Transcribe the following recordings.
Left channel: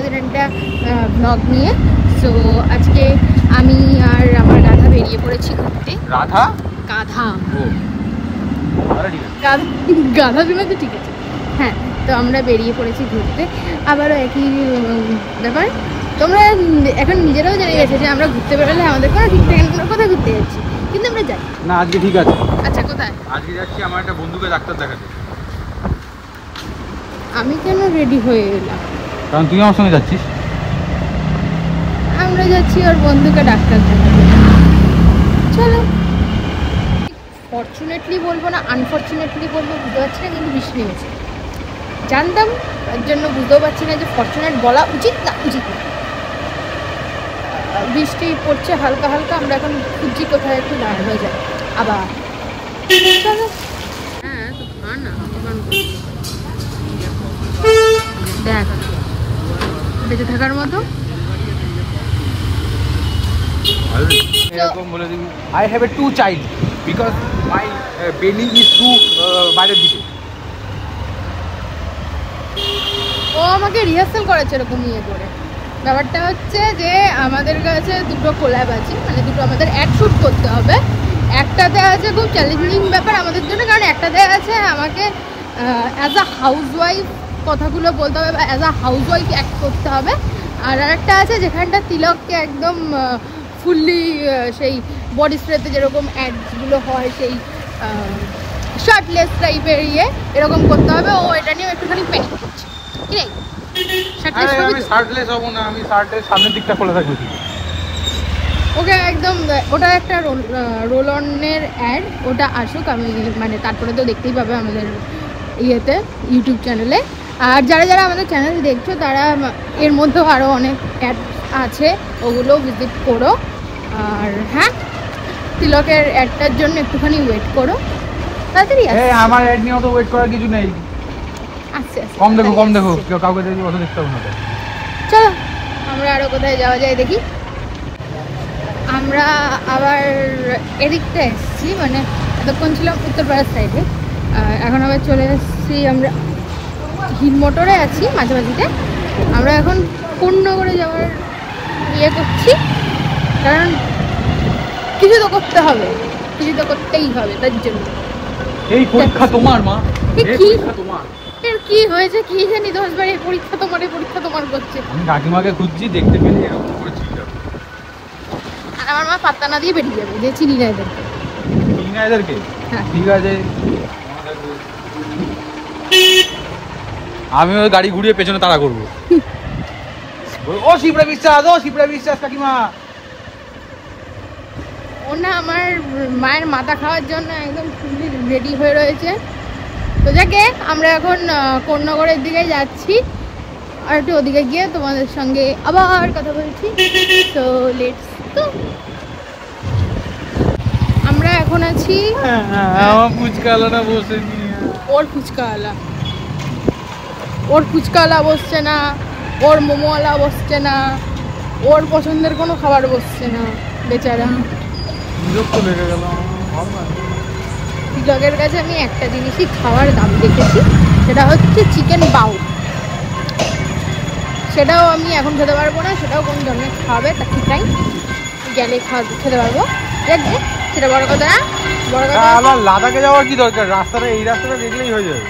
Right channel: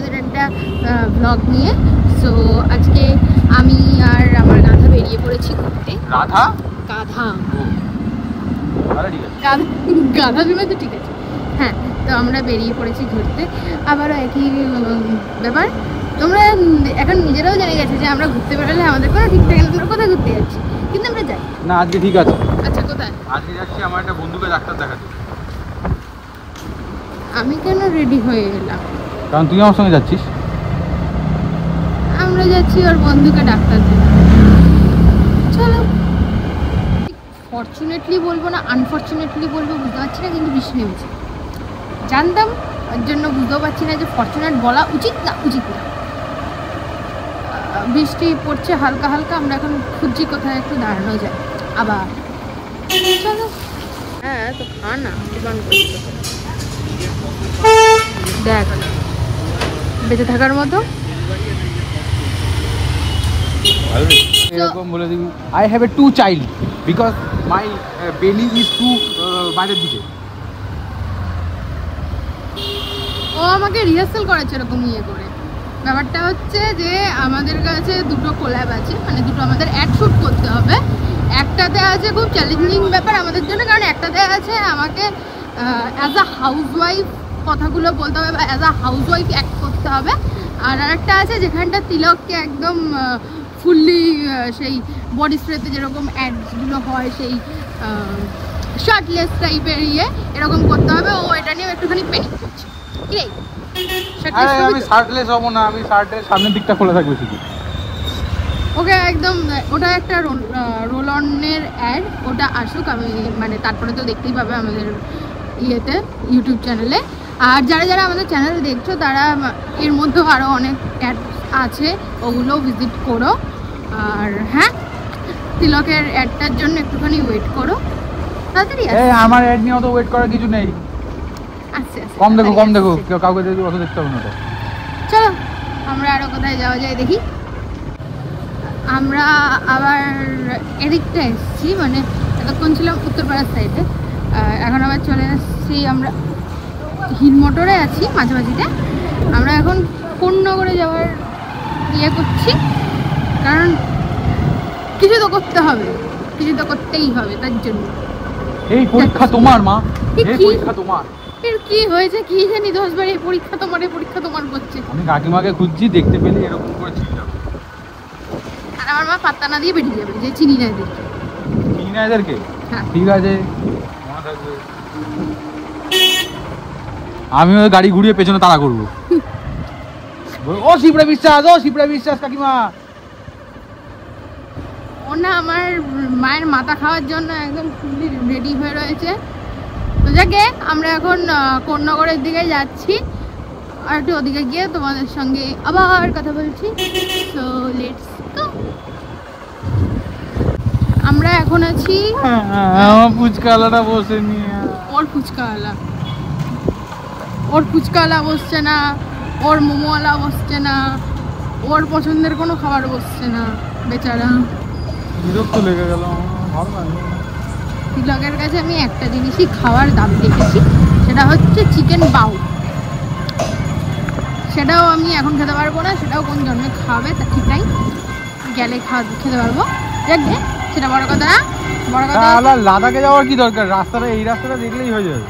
আপনাদের একটা ব্লগ নিয়ে। সো আজকে আমি আর আমার গাধা বেরিয়ে পড়েছি ঘুরতে। রাধা গাধা গাধা বিমা তো ঠিক আছে। হ্যাঁ, তো আমরা বেরিয়ে পড়েছি ঘুরতে। আবারও একই ব্যাপার, তোমরা এখন নিজেরাও জেনে গেছে যে আমরা ঘুরতে বেরোলে আমাদের কোনো ঠিক থাকে না, আমরা কোথায় ঘুরতে যাচ্ছি, কিন্তু আমরা যাই না। আজকে ঠিক আছে। আচ্ছা, কোথায়? আজকে যাচ্ছি আমার একটা বন্ধুকে ডাক্তার দেখাতে। আমি কেন রেডি হয়ে এলাম? কারণ তুই আমার সঙ্গে যাচ্ছিস। আমরা যাচ্ছি ওর বন্ধুকে ডাক্তার দেখাতে। চলো। ফর্চুনেটলি বলবো না আনফর্চুনেটলি বলবো বুঝতে পারছি না, কিন্তু বৃষ্টি নেমেছে। জানতাম, তার জন্য বুঝতেও পারছি না যে ফর্চুনেট বলা উচিত না উচিত না। বৃষ্টি পড়ছে হালকা হালকা। আমরা এখন খুঁজছি কোথায় একটু দাঁড়ানো যায়। আবার চলো। হ্যাঁ, তো খা না, দেখ বেঁচে থাকার মতো। I have a 2 child because my belly is too বাইরের দিকে। ও আমাকে রিহার্সাল করেছে এরকম ইয়ে করে। ব্যাপারটা হচ্ছে যে আমাদের কাছে দুটো কোল্যাব আছে, মানে দুটো আমাদের অ্যাড শ্যুট করতে হবে। একটাতে আছে খুব চ্যালেঞ্জিং ব্যাপার আমাদের জন্য, কারণ একটাতে আছে আমাকে অ্যাজ আ হাউসওয়াইফ কথাগুলো বলতে হবে বা অ্যাজ আ হাউসওয়াইফ অ্যাক্ট করতে হবে। আর আরেকটা আছে যেখানটা তিলককে একদম ফুললি সেই বডি স্প্রেতে যেরকম অ্যাডগুলো হয় সেই শার্টলেস টাইপের ইয়ে এরকম করতে হবে। ও এটা নিয়ে একটুখানি পেন করছে। আমি শার্টলেস হব না, আমি শার্টের সামনের দিকটা খুলে থাকলে শুধু ওকে একদম। ওটা একটা রোল অনের অ্যাড, ওটা আসুক, আমি মানে তারপরে তো দেখতেই পাবে আমাদের ইয়েতে ইউটিউব চ্যানেলে। আর যারা যারা আমাদের চ্যানেল দেখছো তারা এর মধ্যেও আরও অনেক অ্যাড আছে, ওগুলো ভিজিট করো। আর হ্যাঁ, তিলকের অ্যাডটার জন্য একটুখানি ওয়েট করো, তাড়াতাড়ি আসছে। আমার অ্যাড নিয়েও তো ওয়েট করার কিছু নেই। আচ্ছা আচ্ছা, কম দেখো কেউ কাউকে যদি পছন্দ দেখতে হবে না। চলো আমরা আরও কোথায় যাওয়া যায় দেখি। আমরা আবার এদিকটা এসেছি, মানে এতক্ষণ ছিলাম উত্তরপাড়ার সাইডে, আর এখন আবার চলে এসেছি আমরা হিল মোটরে আছি মাঝামাঝিতে। আমরা এখন কোন্নগরে যাওয়ার ইয়ে করছি, কারণ কিছু তো করতে হবে, কিছু তো করতেই হবে। তার জন্য এই পরীক্ষা তোমার মা, এই পরীক্ষা তোমার। কি হয়েছে কি জানি, 10 বার এই পরীক্ষা তোমার, এই পরীক্ষা তোমার করছে। আমি কাকিমাকে খুঁজছি, দেখতে পেলে এরকম করে চিনি যাবে। আর আমার মা পাত্তা না দিয়ে বেরিয়ে যাবে যে চিনি না এদেরকে। চিনি না এদেরকে? হ্যাঁ ঠিক আছে। আমি ওই গাড়ি ঘুরিয়ে পেছনে তাড়া করবো। ও শিবরা বিশ্বাস, ও শিবরা বিশ্বাস কাকিমা। ও না আমার মায়ের মাথা খাওয়ার জন্য একদম ফুললি রেডি হয়ে রয়েছে। তো যাকে আমরা এখন কোন্নগরের দিকে যাচ্ছি, আর একটু ওদিকে গিয়ে তোমাদের সঙ্গে আবার কথা বলছি। তো লেটস গো। আমরা এখন আছি ফুচকাওয়ালাটা বসে ওর ফুচকাওয়ালা। ওর ফুচকাওয়ালা বসছে না, ওর মোমোওয়ালা বসছে না, ওর পছন্দের কোনো খাবার বসছে না বেচারা। তিলকের কাছে আমি একটা জিনিসই খাওয়ার দাবি রেখেছি, সেটা হচ্ছে চিকেন বাউ। সেটাও আমি এখন খেতে পারবো না, সেটাও কোন জন্মে খাওয়াবে তা ঠিক নাই, গেলে খেতে পারবো। দেখি সেটা বড় কথা না, বড় কথা আমার লাদাখে যাওয়ার কি দরকার, রাস্তাটা এই রাস্তাটা দেখলেই হয়ে যাবে।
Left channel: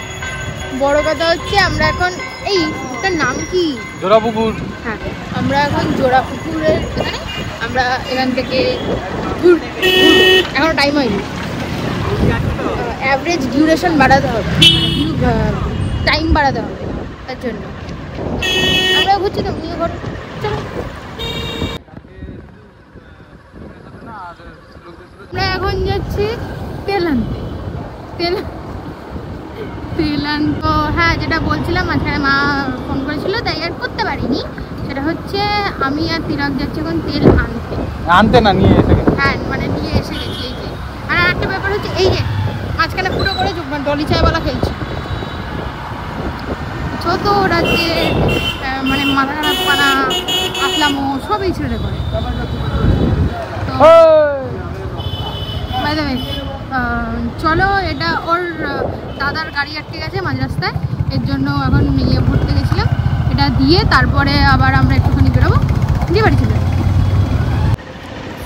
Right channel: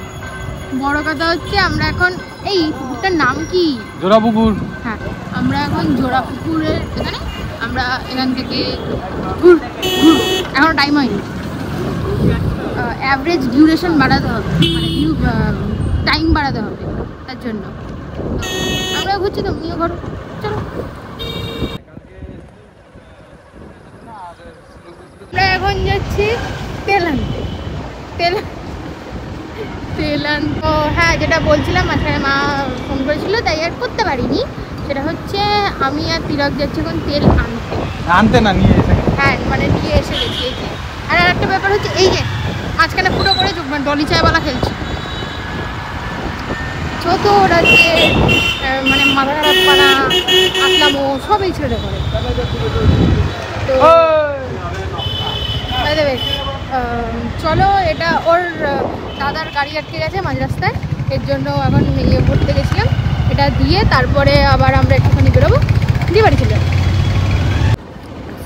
বড় কথা হচ্ছে আমরা এখন এই পুকুরটার নাম কি? জোড়াপুকুর। হ্যাঁ, আমরা এখন জোড়াপুকুরের এখানে, আমরা এখান থেকে ঘুরবো। এখনো টাইম হয়নি, অ্যাভারেজ ডিউরেশন বাড়াতে হবে, মানে টাইম বাড়াতে হবে। তার জন্য আমরা ঘুরছি তো ঘর। চলো আমরা এখন যাচ্ছি তেল আনতে। তেল আনবো। হ্যাঁ, যেটা বলছিলাম মাঝখানে মা ফোন করেছিল তাই আর করতে পারিনি। সেটা হচ্ছে আমি আর তিলক যাচ্ছি এখন তেল আনতে না নিয়ে এসে। হ্যাঁ, মানে নিয়ে এসে গেছি এই যে। আর একটা ব্যাপার হচ্ছে এই যে মাঝখানে পুরোপুরি ডলি চায়ওয়ালা খেলছে। ছোট ওরা যে মানে মাথা খারাপ পানা আসলামো সব এই ছেলেটা করে। তো বাই দ্য ওয়ে, চলো, এটা ওর দাদার গাড়ি আটকে গেছে মাঝ রাস্তায়, এর জন্য এখন ইয়ে ভরতে গেছিলাম। এটা এটা দিয়ে তারপরে আবার আমরা একটুখানি বেরোবো, দিয়ে বাড়ি চলে যাবো।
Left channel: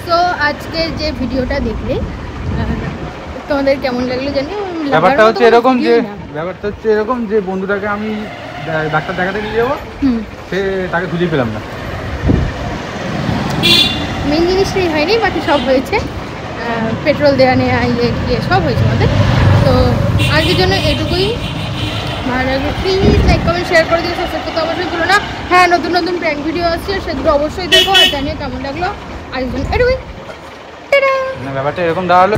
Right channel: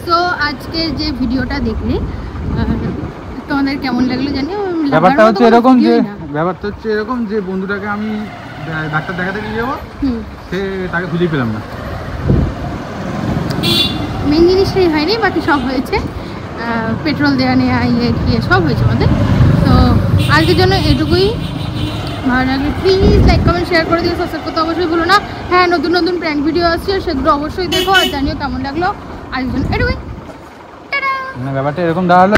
তো আজকে যে ভিডিওটা দেখলে তোমাদের কেমন লাগলো জানি, লাগার মতো ব্যাপারটা হচ্ছে এরকম যে বন্ধুটাকে আমি ডাক্তার দেখাতে নিয়ে যাবো, সে তাকে খুঁজে পেলাম না। মেন জিনিসটাই হয়নি, বাকি সব হয়েছে, পেট্রোল দেওয়া নেওয়া ইয়ে সব হয়েছে আমাদের। তো আজকের জন্য এটুকুই। ভালো লাগে প্লিজ লাইক কমেন্ট শেয়ার করে দিও, সাবস্ক্রাইব করতে অবশ্যই ভুলো না। হ্যাঁ, নতুন নতুন প্র্যাঙ্ক ভিডিও আসছে, সেগুলো অবশ্যই দেখো আর জানিও কেমন লাগলো। আজকের জন্য এটুকুই, টাটা। ব্যাপারটা এরকম দাঁড়ালো।